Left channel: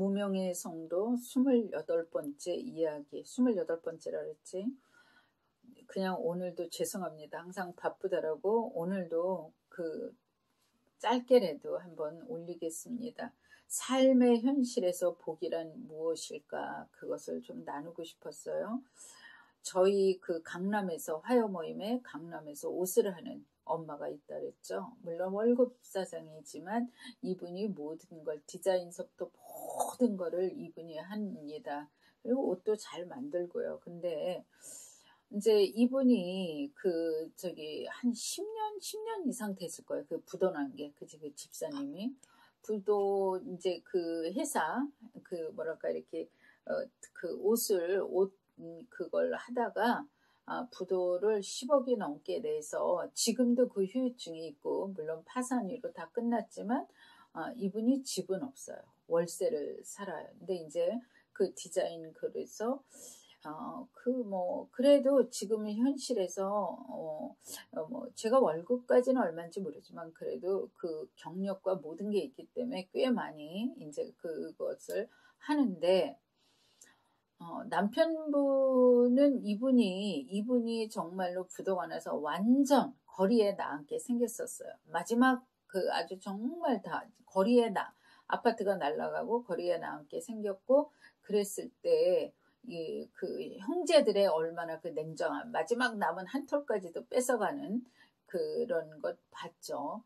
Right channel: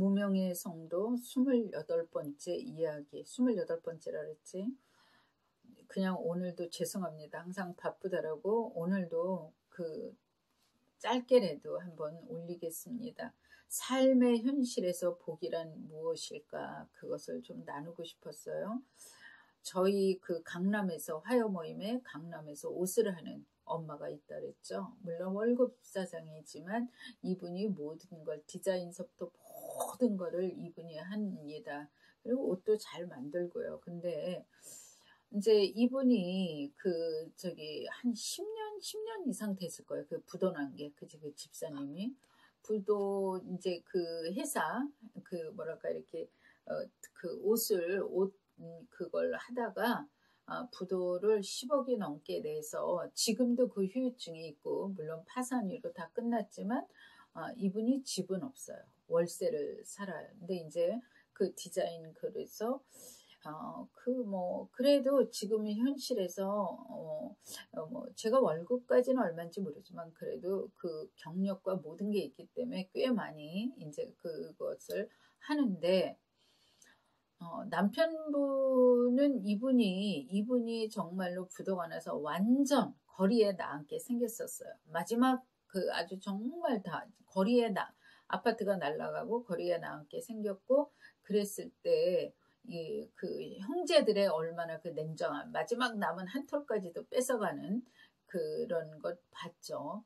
무명의 성도 28번째 이야기, 28번째라 그랬지. 그냥 오늘도 죄송합니다. 항상 바쁘더라고. 오늘도 짧게라도 한번 올리겠습니다. 삶의 현실에서 복이란 무엇일까? 그것을 좀 나누고 싶었어요. 저희 강남에서 화요 모임에 강남에서 옷을 하는 엄마가 있다 그랬죠. 물론 월급 사장이지만 이분이 모든 걸 디자인서부터 모든 거를 이분이 합니다. 그리고 옷도 잘 만들고요. 근데 이제 이분이 한 10년 이상 됐을 거예요. 부도 난 게, 그 집사님이. 부도 이제 회사, 이렇게, 그걸 하다가, 부도를 10억이 넘게 내서 지금도 그 후유증이 있고, 물론 파산으로 다 끝났지만, 이분이 집은 없어요. 월세를 살아요. 근데 이제 디자인 그래서 그래도 지금 현실에서, 제가 월급까지는 얼마인지 모르지만, 그래도 경력과 모든 게 있기 때문에 꽤 많이 이제 그것을 하는데, 남편분은 이분이 정말로 부도가 나서 완전 거리에 나앉게 생겼었어요. 마지막 아주 정말 다 거리에 아파트가 날아가고 거리에 나앉게 생겼고, 그랬을 때, 형제들의 얼마나 냉정함, 마지막 남은 한 톨까지도 뺏어가는 그런 것 봤죠.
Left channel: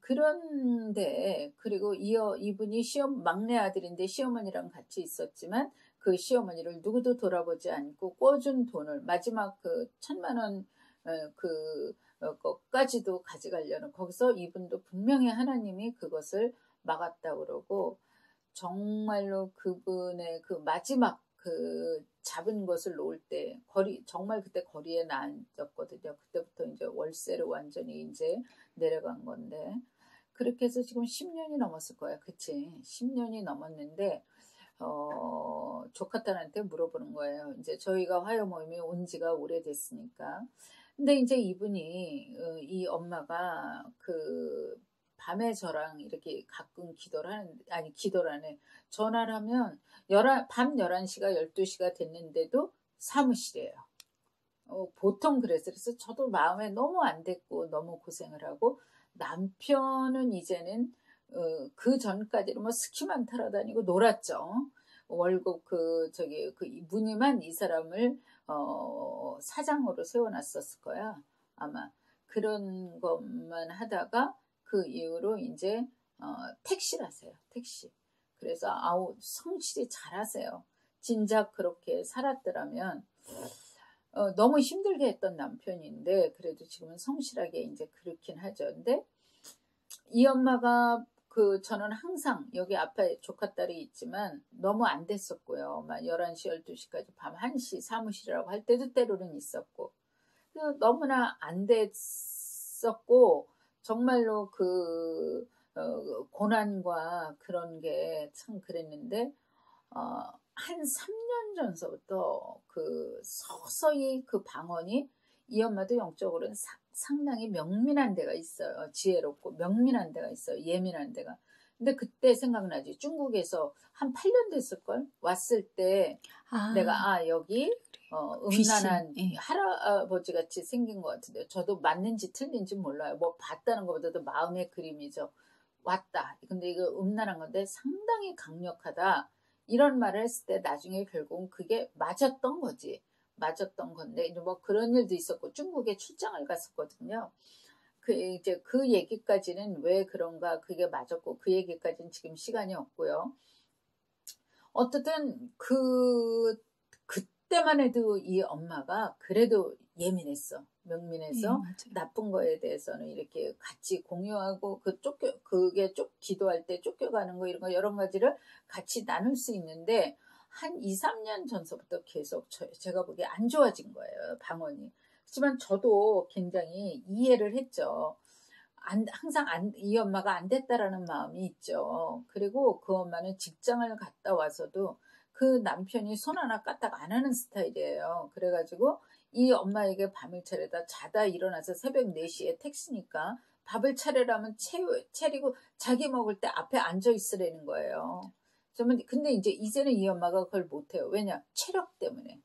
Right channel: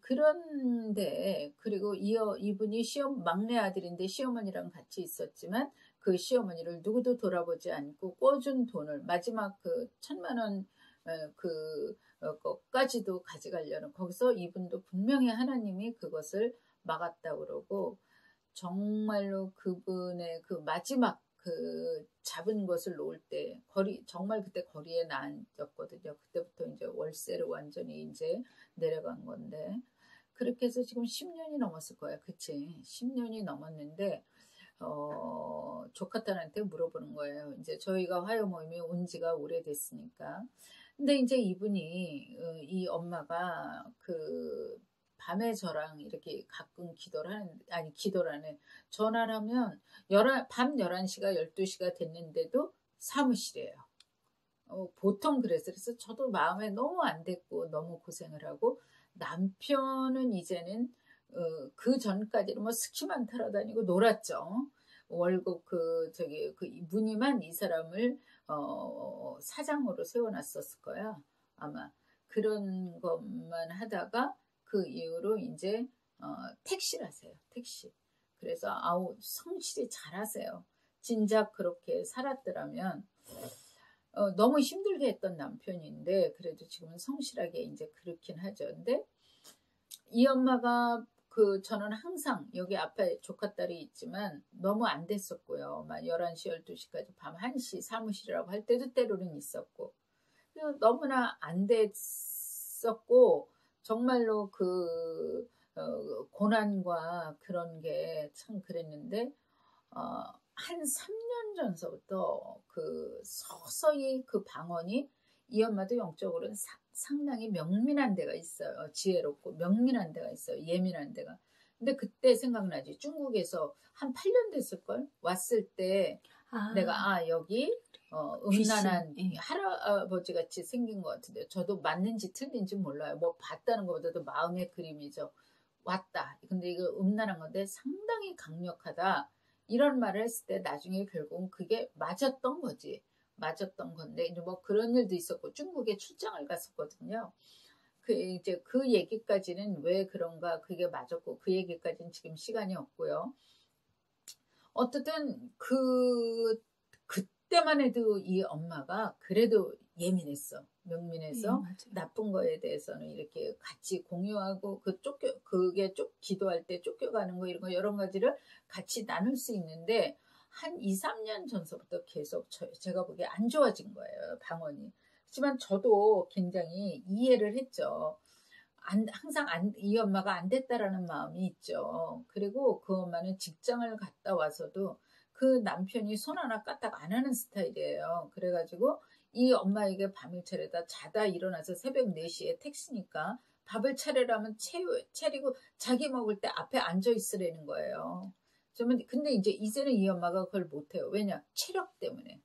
그런데, 그리고 이분이 막내 아들인데 시어머니랑 같이 있었지만, 그 시어머니를 누구도 돌아보지 않고 꿔준 돈을 마지막 1,000만 원, 것까지도 가져가려는, 거기서 이분도 분명히 하나님이 그것을 막았다 그러고, 정말로 그분의 마지막 잡은 것을 놓을 때 정말 그때 거리에 나앉았거든요. 그때부터 이제 월세로 완전히 이제 내려간 건데, 그렇게 해서 지금 10년이 넘었을 거야. 그치? 10년이 넘었는데, 조카딸한테 물어보는 거예요. 이제 저희가 화요 모임이 온 지가 오래됐으니까. 근데 이제 이분이, 이 엄마가 밤에 저랑 이렇게 가끔 기도를 하네. 전화를 하면 밤 11시가 12시가 됐는데도 사무실이에요. 보통 그래서 저도 마음에 너무 안 됐고 너무 고생을 하고, 남편은 이제는 그 전까지는 스키만 타러 다니고 놀았죠. 월급 무늬만 이 사람을 사장으로 세워놨었을 거야. 아마 그런 것만 하다가 그 이후로 이제 택시를 하세요. 택시. 그래서 성실히 잘하세요. 진작 그렇게 살았더라면, 너무 힘들게 했던 남편인데 그래도 지금은 성실하게 이제 그렇긴 하죠. 근데 이 엄마가 저는 항상 여기 앞에 조카딸이 있지만 너무 안 됐었고요. 막 11시, 12시까지 밤 1시 사무실이라고 할 때도 때로는 있었고, 너무나 안 됐었고, 정말로 고난과 그런 게 참 그랬는데, 한 3년 전서부터 서서히 방언이, 이 엄마도 영적으로는 상당히 명민한 데가 있어요. 지혜롭고 명민한 데가 있어요. 예민한 데가. 근데 그때 생각나지. 중국에서 한 8년 됐을걸? 왔을 때 내가 여기 음란한 할아버지 같이 생긴 것 같은데, 저도 맞는지 틀린지 몰라요. 봤다는 것보다도 마음의 그림이죠. 왔다. 근데 이거 음란한 건데 상당히 강력하다. 이런 말을 했을 때 나중에 결국은 그게 맞았던 거지. 맞았던 건데, 이제 그런 일도 있었고, 중국에 출장을 갔었거든요. 이제 그 얘기까지는 왜 그런가, 그게 맞았고, 그 얘기까지는 지금 시간이 없고요. 어쨌든, 그때만 해도 이 엄마가 그래도 예민했어. 명민해서, 나쁜 거에 대해서는 이렇게 같이 공유하고, 그게 기도할 때 쫓겨가는 거, 이런 거 여러 가지를 같이 나눌 수 있는데, 한 2, 3년 전서부터 계속 제가 보기에 안 좋아진 거예요. 방언이. 하지만 저도 굉장히 이해를 했죠. 항상 이 엄마가 안 됐다라는 마음이 있죠. 그리고 그 엄마는 직장을 갔다 와서도 그 남편이 손 하나 까딱 안 하는 스타일이에요. 그래가지고 이 엄마에게 밤을 차려다 자다 일어나서 새벽 4시에 택시니까 밥을 차리라면 차리고 자기 먹을 때 앞에 앉아 있으라는 거예요. 근데 이제는 이 엄마가 그걸 못해요. 왜냐? 체력 때문에.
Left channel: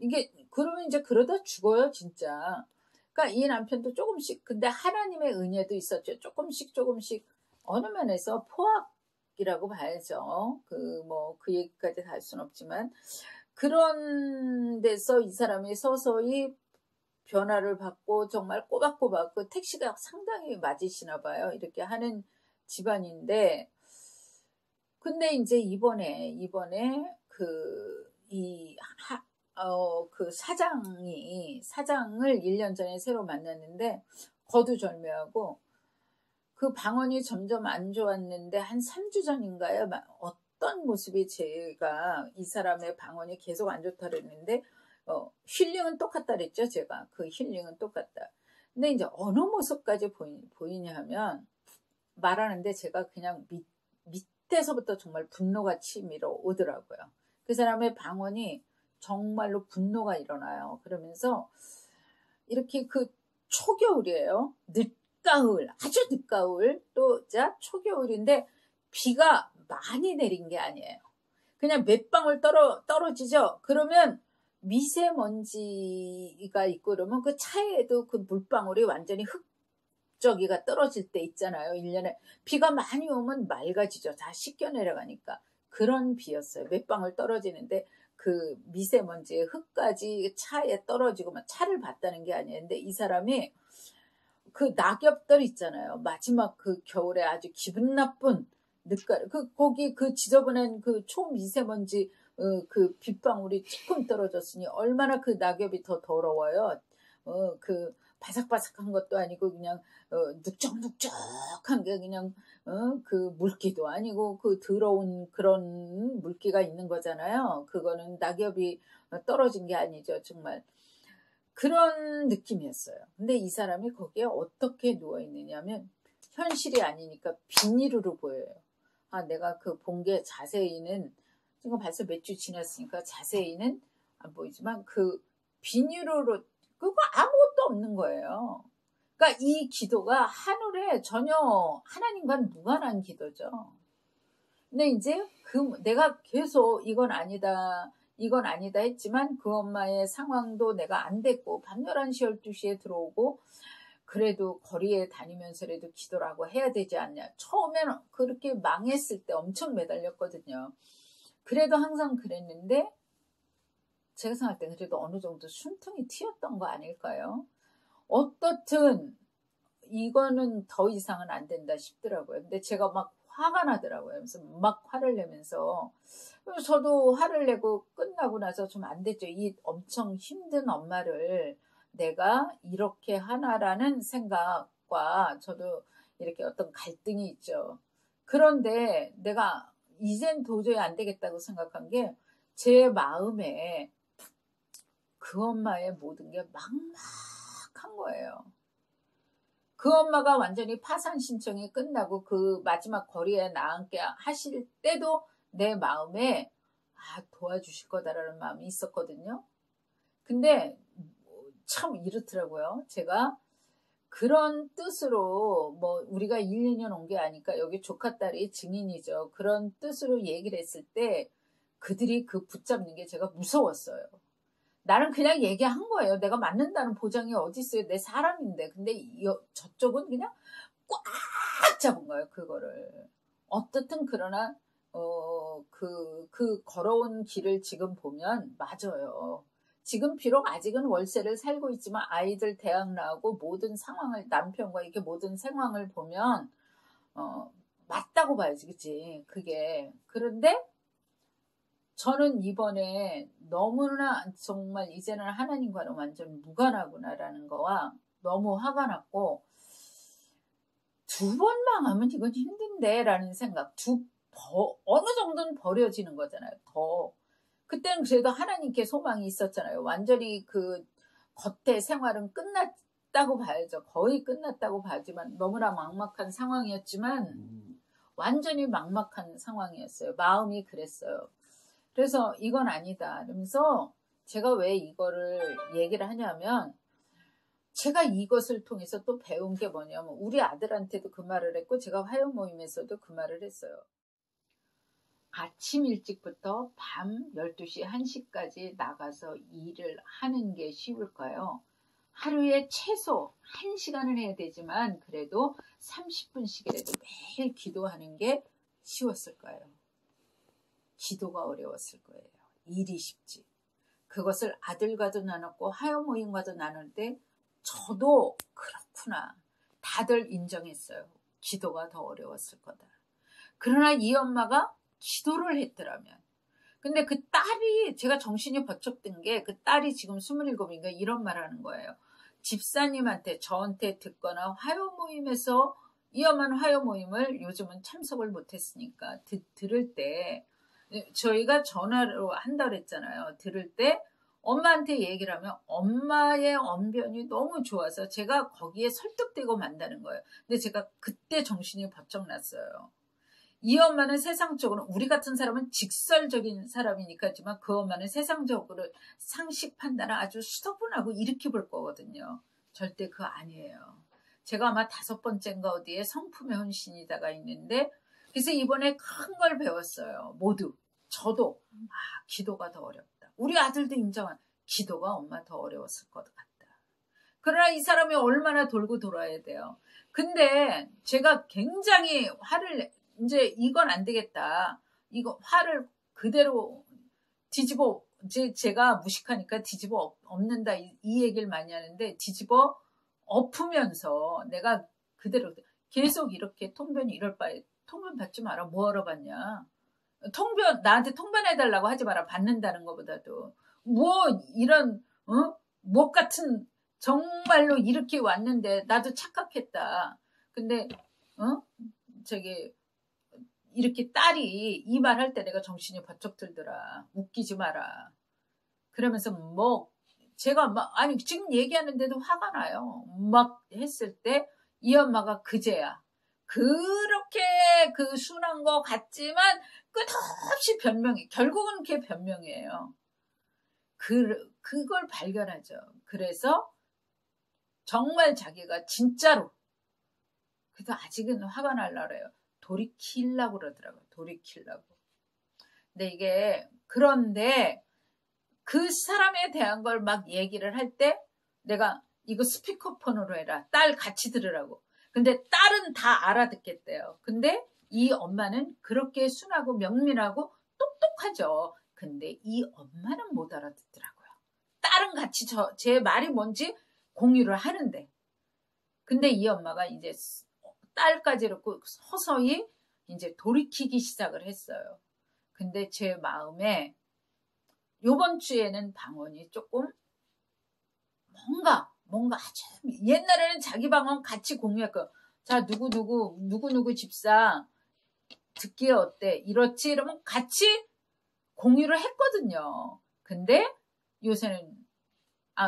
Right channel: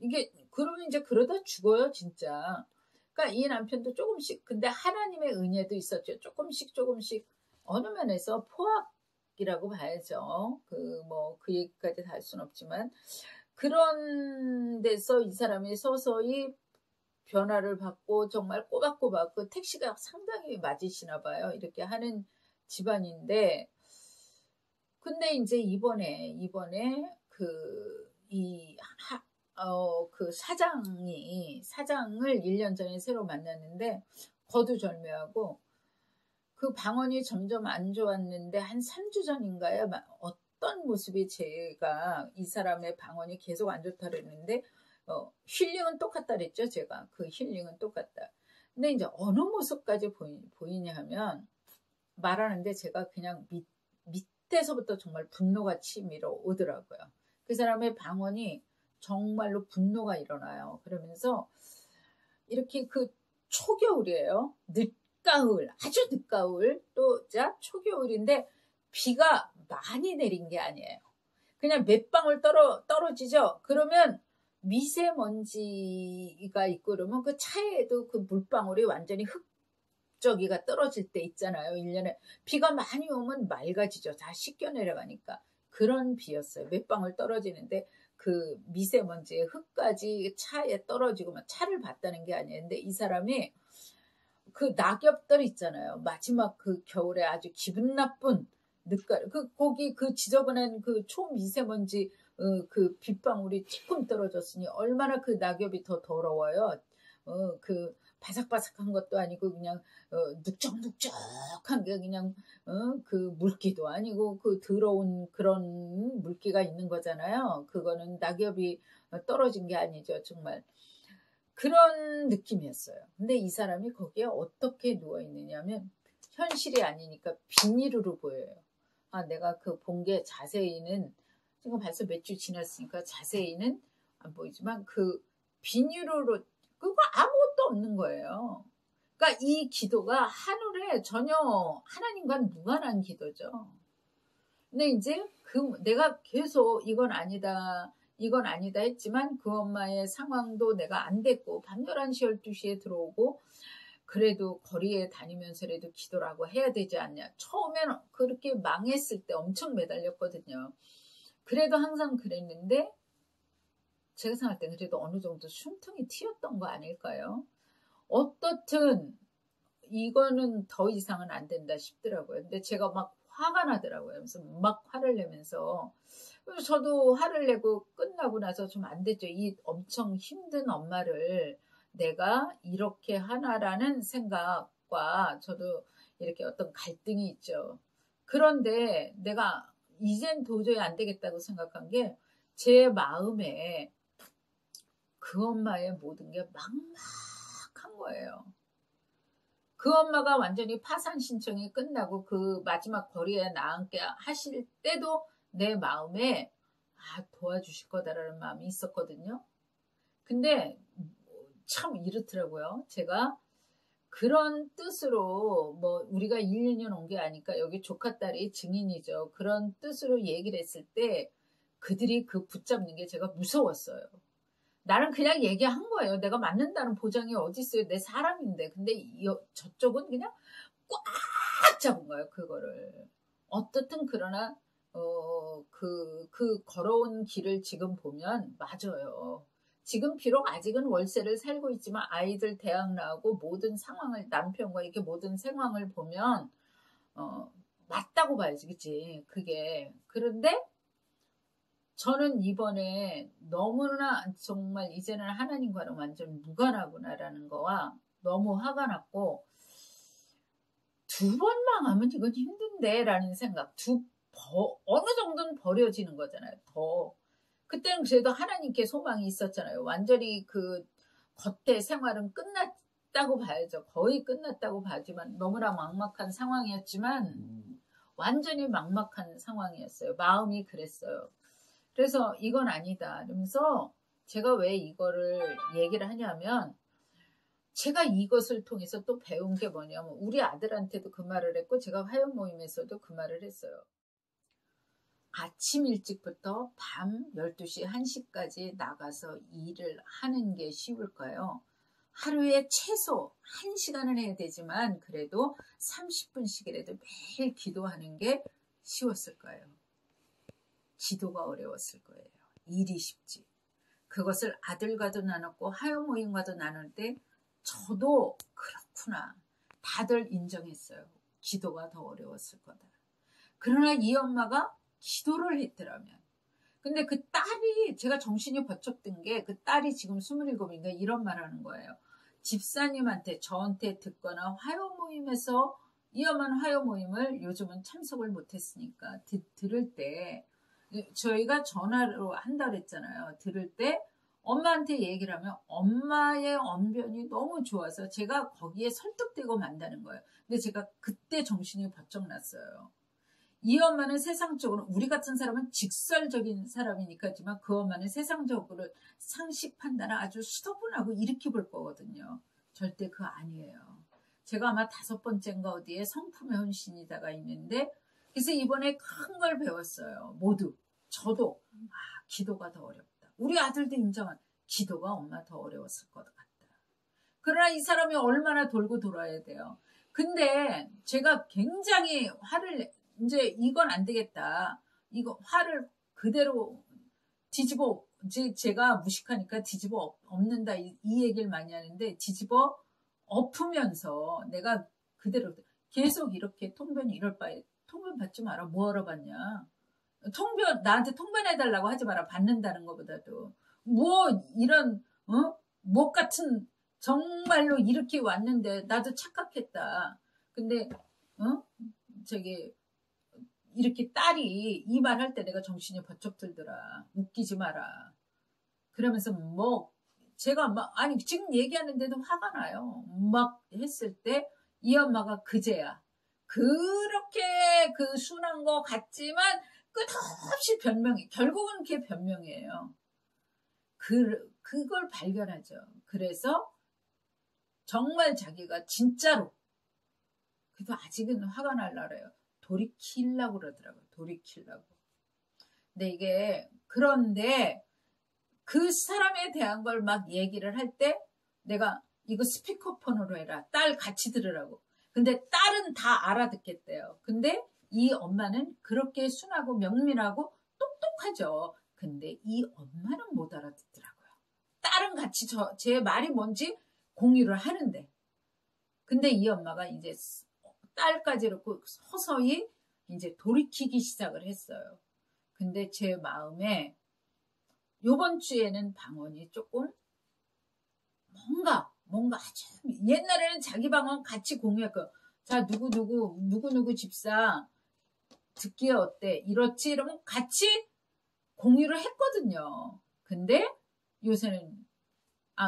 이게, 그러면 이제 그러다 죽어요, 진짜. 그러니까 이 남편도 조금씩, 근데 하나님의 은혜도 있었죠. 조금씩, 어느 면에서 포악이라고 봐야죠. 그 얘기까지 다 할 순 없지만. 그런 데서 이 사람이 서서히 변화를 받고 정말 꼬박꼬박 그 택시가 상당히 맞으시나 봐요. 이렇게 하는 집안인데, 근데 이제 이번에 그 사장을 1년 전에 새로 만났는데 거두절미하고 그 방언이 점점 안 좋았는데 한 3주 전인가요? 어떤 모습이 제가 이 사람의 방언이 계속 안 좋다 그랬는데 힐링은 똑같다 그랬죠. 제가 그 힐링은 똑같다. 근데 이제 어느 모습까지 보이냐 하면 말하는데 제가 그냥 밑에서부터 정말 분노가 치밀어 오더라고요. 그 사람의 방언이 정말로 분노가 일어나요. 그러면서 이렇게 그 초겨울이에요. 늦가을, 아주 늦가을, 또 초겨울인데 비가 많이 내린 게 아니에요. 그냥 몇 방울 떨어지죠. 그러면 미세먼지가 있고 그러면 그 차에도 그 물방울이 완전히 흙저기가 떨어질 때 있잖아요. 1년에 비가 많이 오면 맑아지죠. 다 씻겨 내려가니까. 그런 비였어요. 몇 방울 떨어지는데 그 미세먼지의 흙까지 차에 떨어지고 막 차를 봤다는 게 아니에요. 근데 이 사람이 그 낙엽들 있잖아요. 마지막 그 겨울에 아주 기분 나쁜 늦가을, 거기 그 지저분한 그 초미세먼지 그 빗방울이 조금 떨어졌으니 얼마나 그 낙엽이 더 더러워요. 그 바삭바삭한 것도 아니고 그냥 눅적눅적한 게 그냥 그 물기도 아니고 그 더러운 그런 물기가 있는 거잖아요. 그거는 낙엽이 떨어진 게 아니죠. 정말 그런 느낌이었어요. 근데 이 사람이 거기에 어떻게 누워있느냐면 현실이 아니니까 비닐으로 보여요. 내가 그 본 게 자세히는 지금 벌써 몇 주 지났으니까 자세히는 안 보이지만 그 비닐으로 그거 아무것도 없는 거예요. 그러니까 이 기도가 하늘에 전혀 하나님과는 무관한 기도죠. 근데 이제 내가 계속 이건 아니다 했지만 그 엄마의 상황도 내가 안 됐고 밤 11시 12시에 들어오고 그래도 거리에 다니면서라도 기도라고 해야 되지 않냐. 처음에는 그렇게 망했을 때 엄청 매달렸거든요. 그래도 항상 그랬는데 제가 생각할 때 그래도 어느 정도 숨통이 튀었던 거 아닐까요? 어떻든 이거는 더 이상은 안 된다 싶더라고요. 근데 제가 막 화가 나더라고요. 그래서 막 화를 내면서 저도 화를 내고 끝나고 나서 좀 안 됐죠. 이 엄청 힘든 엄마를 내가 이렇게 하나라는 생각과 저도 이렇게 어떤 갈등이 있죠. 그런데 내가 이젠 도저히 안 되겠다고 생각한 게 제 마음에 그 엄마의 모든 게 막막한 거예요. 그 엄마가 완전히 파산 신청이 끝나고 그 마지막 거리에 나앉게 하실 때도 내 마음에 도와주실 거다라는 마음이 있었거든요. 근데 참 이렇더라고요. 제가 그런 뜻으로 우리가 1, 2년 온 게 아니까 여기 조카 딸이 증인이죠. 그런 뜻으로 얘기를 했을 때 그들이 그 붙잡는 게 제가 무서웠어요. 나는 그냥 얘기한 거예요. 내가 맞는다는 보장이 어디 있어요. 내 사람인데. 근데 저쪽은 그냥 꽉 잡은 거예요. 그거를. 어떻든 그러나 그 걸어온 길을 지금 보면 맞아요. 지금 비록 아직은 월세를 살고 있지만 아이들 대학 나오고 모든 상황을 남편과 이렇게 모든 상황을 보면 맞다고 봐야지. 그치? 그게. 그런데 저는 이번에 너무나 정말 이제는 하나님과는 완전 무관하구나라는 거와 너무 화가 났고 2번 망하면 이건 힘든데 라는 생각 어느 정도는 버려지는 거잖아요. 그때는 그래도 하나님께 소망이 있었잖아요. 완전히 그 겉의 생활은 끝났다고 봐야죠. 거의 끝났다고 봐지만 너무나 막막한 상황이었지만 완전히 막막한 상황이었어요. 마음이 그랬어요. 그래서 이건 아니다. 그러면서 제가 왜 이거를 얘기를 하냐면 제가 이것을 통해서 또 배운 게 뭐냐면 우리 아들한테도 그 말을 했고 제가 화요 모임에서도 그 말을 했어요. 아침 일찍부터 밤 12시, 1시까지 나가서 일을 하는 게 쉬울까요? 하루에 최소 1시간은 해야 되지만 그래도 30분씩이라도 매일 기도하는 게 쉬웠을까요? 기도가 어려웠을 거예요. 일이 쉽지. 그것을 아들과도 나눴고 하여 모임과도 나눌 때 저도 그렇구나. 다들 인정했어요. 기도가 더 어려웠을 거다. 그러나 이 엄마가 기도를 했더라면. 근데 그 딸이, 제가 정신이 번쩍 든 게 그 딸이 지금 27인가 이런 말 하는 거예요. 집사님한테, 저한테 듣거나 화요 모임에서, 이 엄마는 화요 모임을 요즘은 참석을 못했으니까 들을 때, 저희가 전화로 한다 그랬잖아요. 들을 때 엄마한테 얘기를 하면 엄마의 언변이 너무 좋아서 제가 거기에 설득되고 만다는 거예요. 근데 제가 그때 정신이 번쩍 났어요. 이 엄마는 세상적으로, 우리 같은 사람은 직설적인 사람이니까지만 그 엄마는 세상적으로 상식 판단을 아주 수도분하고 이렇게 볼 거거든요. 절대 그거 아니에요. 제가 아마 5번째인가 어디에 성품의 헌신이다가 있는데, 그래서 이번에 큰 걸 배웠어요. 모두. 저도 기도가 더 어렵다. 우리 아들도 인정한, 기도가 엄마 더 어려웠을 것 같다. 그러나 이 사람이 얼마나 돌고 돌아야 돼요. 근데 제가 굉장히 화를, 이제 이건 안 되겠다. 이거 화를 그대로 뒤집어, 제가 무식하니까 뒤집어 엎는다 이 얘기를 많이 하는데, 뒤집어 엎으면서 내가 그대로 계속 이렇게 통변이 이럴 바에 통변 받지 마라. 뭐하러 받냐. 통변, 나한테 통변해달라고 하지 마라. 받는다는 것보다도. 뭐 이런 목 같은, 정말로 이렇게 왔는데 나도 착각했다. 근데 저기 이렇게 딸이 이 말 할 때 내가 정신이 번쩍 들더라. 웃기지 마라. 그러면서 뭐 제가 막, 아니 지금 얘기하는데도 화가 나요. 막 했을 때 이 엄마가 그제야 그렇게 그 순한 거 같지만 끝없이 변명이, 결국은 그게 변명이에요. 그걸 발견하죠. 그래서 정말 자기가 진짜로, 그래도 아직은 화가 날라 그래요. 돌이키려고 그러더라고요. 돌이키려고. 근데 이게, 그런데 그 사람에 대한 걸 막 얘기를 할 때 내가 이거 스피커폰으로 해라. 딸 같이 들으라고. 근데 딸은 다 알아듣겠대요. 근데 이 엄마는 그렇게 순하고 명민하고 똑똑하죠. 근데 이 엄마는 못 알아듣더라고요. 딸은 같이 제 말이 뭔지 공유를 하는데. 근데 이 엄마가 이제 딸까지 이렇게 서서히 이제 돌이키기 시작을 했어요. 근데 제 마음에 요번 주에는 방언이 조금 뭔가 아주, 옛날에는 자기 방언 같이 공유했고, 자 누구 집사 듣기에 어때 이렇지 이러면 같이 공유를 했거든요. 근데 요새는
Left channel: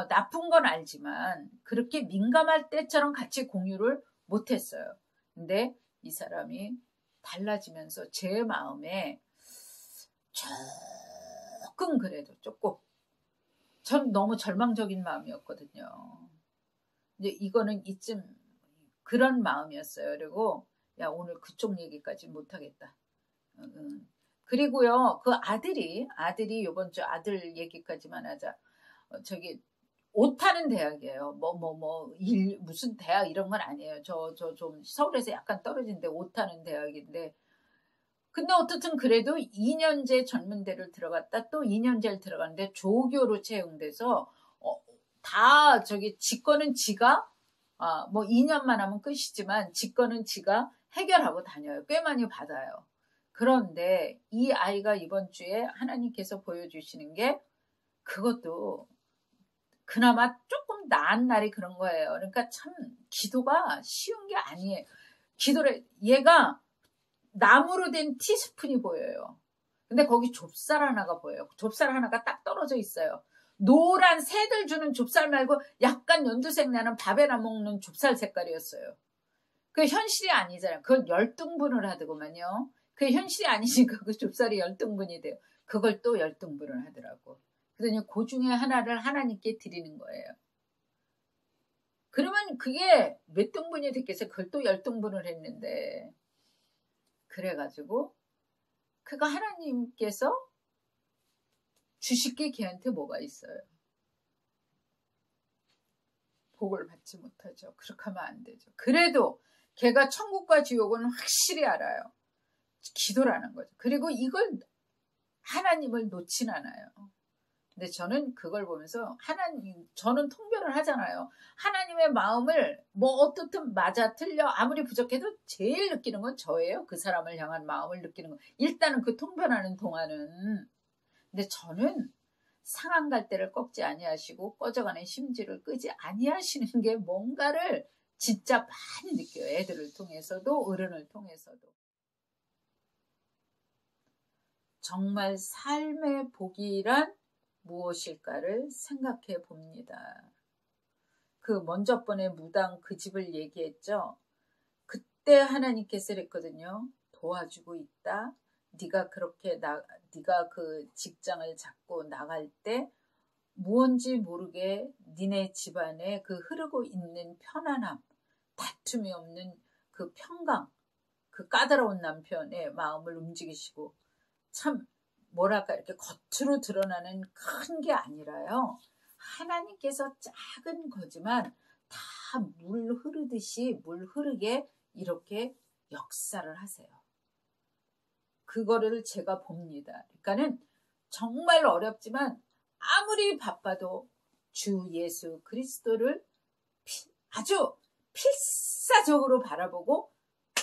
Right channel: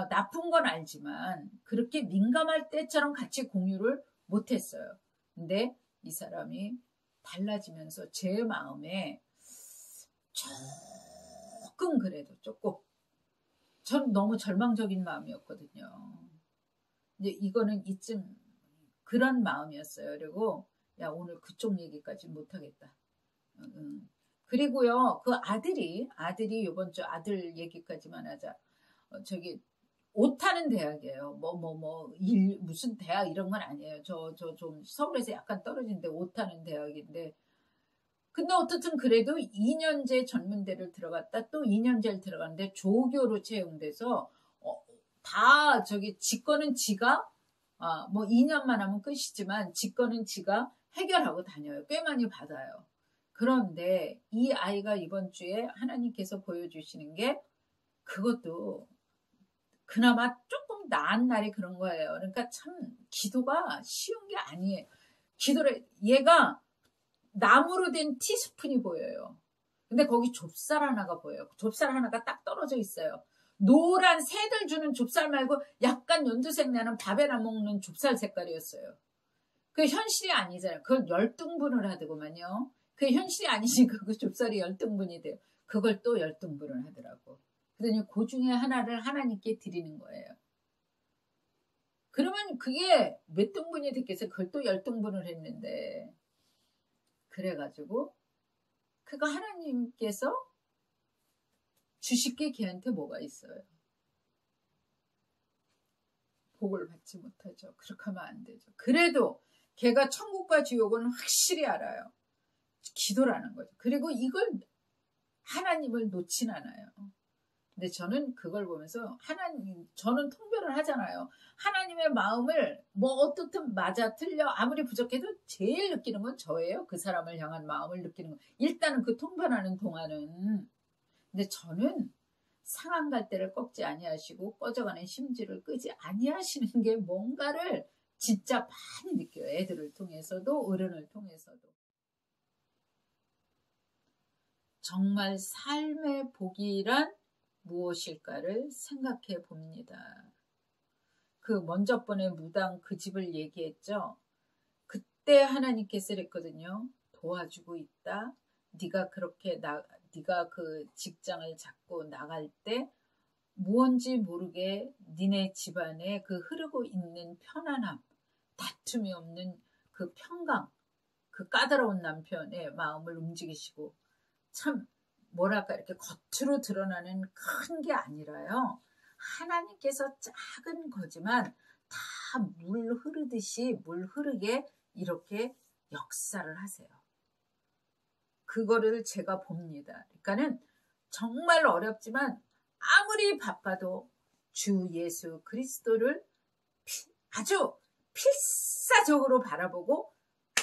나쁜 건 알지만 그렇게 민감할 때처럼 같이 공유를 못했어요. 근데 이 사람이 달라지면서 제 마음에 조금, 그래도 조금, 전 너무 절망적인 마음이었거든요. 이제 이거는 이쯤 그런 마음이었어요. 그리고 야, 오늘 그쪽 얘기까지 못하겠다. 그리고요, 그 아들이 이번 주 아들 얘기까지만 하자. 저기 오타는 대학이에요. 무슨 대학 이런 건 아니에요. 저 좀 서울에서 약간 떨어진데 오타는 대학인데, 근데 어떻든 그래도 2년제 전문대를 들어갔다 또 2년제를 들어갔는데 조교로 채용돼서 다 저기 직권은 지가, 뭐 2년만 하면 끝이지만 직권은 지가 해결하고 다녀요. 꽤 많이 받아요. 그런데 이 아이가 이번 주에 하나님께서 보여주시는 게, 그것도 그나마 조금 나은 날이 그런 거예요. 그러니까 참 기도가 쉬운 게 아니에요. 기도를, 얘가 나무로 된 티스푼이 보여요. 근데 거기 좁쌀 하나가 보여요. 좁쌀 하나가 딱 떨어져 있어요. 노란 새들 주는 좁쌀 말고 약간 연두색 나는 밥에나 먹는 좁쌀 색깔이었어요. 그 현실이 아니잖아요. 그걸 열등분을 하더구만요. 그게 현실이 아니니까 그 좁쌀이 열등분이 돼요. 그걸 또 열등분을 하더라고. 그러더니 그 중에 하나를 하나님께 드리는 거예요. 그러면 그게 몇 등분이 됐겠어요? 그걸 또 열등분을 했는데. 그래가지고 그가 하나님께서 주실 게 걔한테 뭐가 있어요? 복을 받지 못하죠. 그렇게 하면 안 되죠. 그래도 걔가 천국과 지옥은 확실히 알아요. 기도라는 거죠. 그리고 이걸 하나님을 놓진 않아요. 근데 저는 그걸 보면서 저는 통변을 하잖아요. 하나님의 마음을 뭐 어떻든 맞아 틀려 아무리 부족해도 제일 느끼는 건 저예요. 그 사람을 향한 마음을 느끼는 건. 일단은 그 통변하는 동안은. 근데 저는 상한 갈대를 꺾지 아니하시고 꺼져가는 심지를 끄지 아니하시는 게 뭔가를 진짜 많이 느껴요. 애들을 통해서도 어른을 통해서도. 정말 삶의 복이란 무엇일까를 생각해 봅니다. 그 먼저 번에 무당 그 집을 얘기했죠. 그때 하나님께서 그랬거든요. 도와주고 있다. 네가 그 직장을 잡고 나갈 때 무언지 모르게 니네 집안에 그 흐르고 있는 편안함, 다툼이 없는 그 평강, 그 까다로운 남편의 마음을 움직이시고 참 뭐랄까 이렇게 겉으로 드러나는 큰 게 아니라요. 하나님께서 작은 거지만 다 물 흐르듯이 물 흐르게 이렇게 역사를 하세요. 그거를 제가 봅니다. 그러니까는 정말 어렵지만 아무리 바빠도 주 예수 그리스도를 아주 필사적으로 바라보고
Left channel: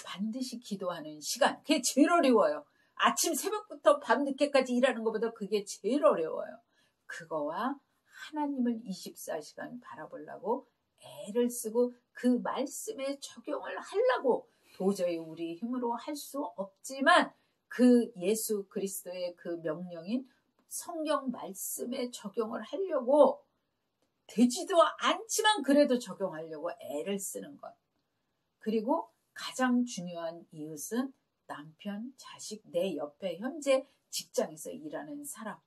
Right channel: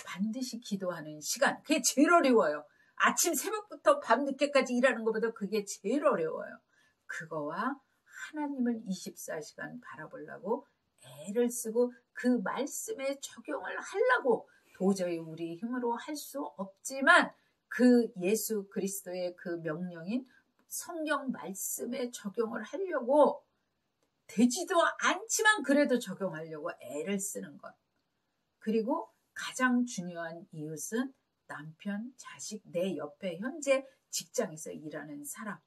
반드시 기도하는 시간. 그게 제일 어려워요. 아침 새벽부터 밤늦게까지 일하는 것보다 그게 제일 어려워요. 그거와 하나님을 24시간 바라보려고 애를 쓰고 그 말씀에 적용을 하려고 도저히 우리 힘으로 할 수 없지만 그 예수 그리스도의 그 명령인 성경 말씀에 적용을 하려고 되지도 않지만 그래도 적용하려고 애를 쓰는 것. 그리고 가장 중요한 이웃은 남편, 자식, 내 옆에 현재 직장에서 일하는 사람.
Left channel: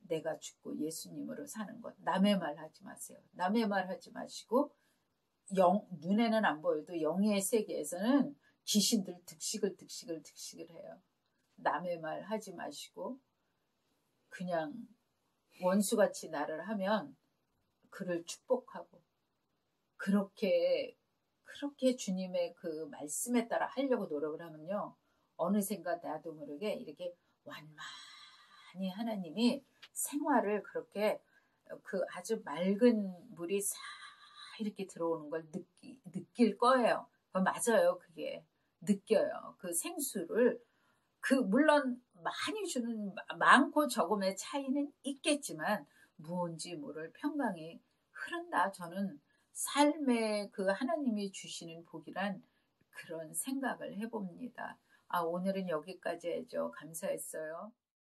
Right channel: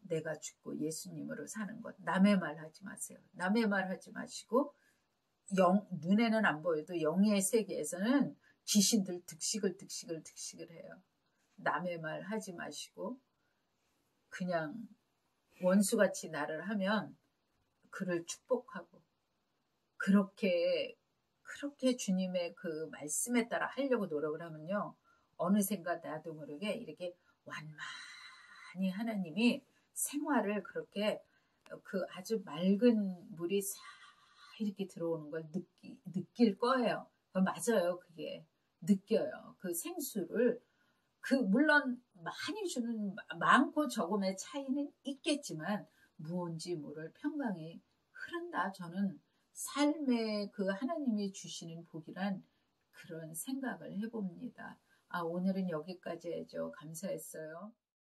내가 죽고 예수님으로 사는 것. 남의 말 하지 마세요. 남의 말 하지 마시고 눈에는 안 보여도 영의 세계에서는 귀신들 득식을 해요. 남의 말 하지 마시고 그냥 원수같이 나를 하면 그를 축복하고 그렇게 주님의 그 말씀에 따라 하려고 노력을 하면요. 어느샌가 나도 모르게 이렇게 완만히 하나님이 생활을 그렇게 그 아주 맑은 물이 싹 이렇게 들어오는 걸 느낄 거예요. 맞아요. 그게 느껴요. 그 생수를 물론 많이 주는 많고 적음의 차이는 있겠지만 무언지 모를 평강이 흐른다. 저는 삶에 그 하나님이 주시는 복이란 그런 생각을 해봅니다. 오늘은 여기까지 해줘. 감사했어요.